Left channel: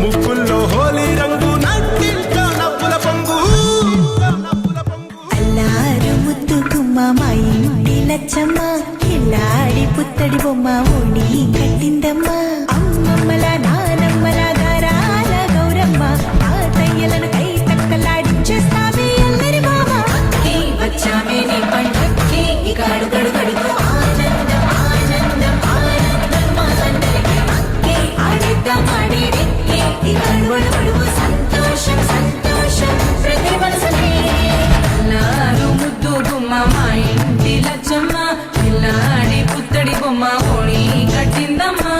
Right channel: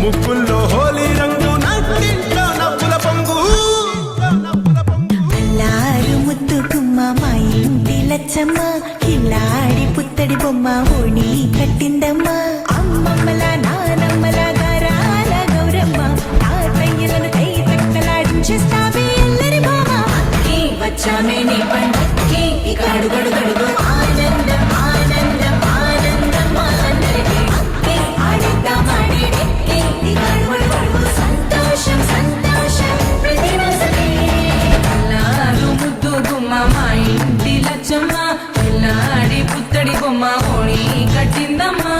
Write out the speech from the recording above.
ముక్కుల్లో హోలీ రంగు నట్టింట్లో నవ్వుల పొంగు ముద్దు గుమ్మ మా ఇంటి లచ్చమ్మ ఇల్లాడి పుత్తడి బొమ్మ ఓణి కట్టిందమ్మా అమ్మమ్మల నానమ్మల గారాల గౌరమ్మ తాతయ్యలను కై తట్టలాడించేస్తావే అల్లరి మామ వచ్చామే నీ పండుగకి గడు గడు గడుగు ఆనందం ఆనందం ఆనందం అందరికీ ఆడిద్దాం ఆడిడే గడువడు గడుగు సంతోషం సంతోషం ప్రతి మనసుకి అల్లారు ముద్దు గుమ్మ మా ఇంటి లచ్చమ్మ పిల్లాడి పుత్తడి బొమ్మ ఓణి కట్టిందమ్మా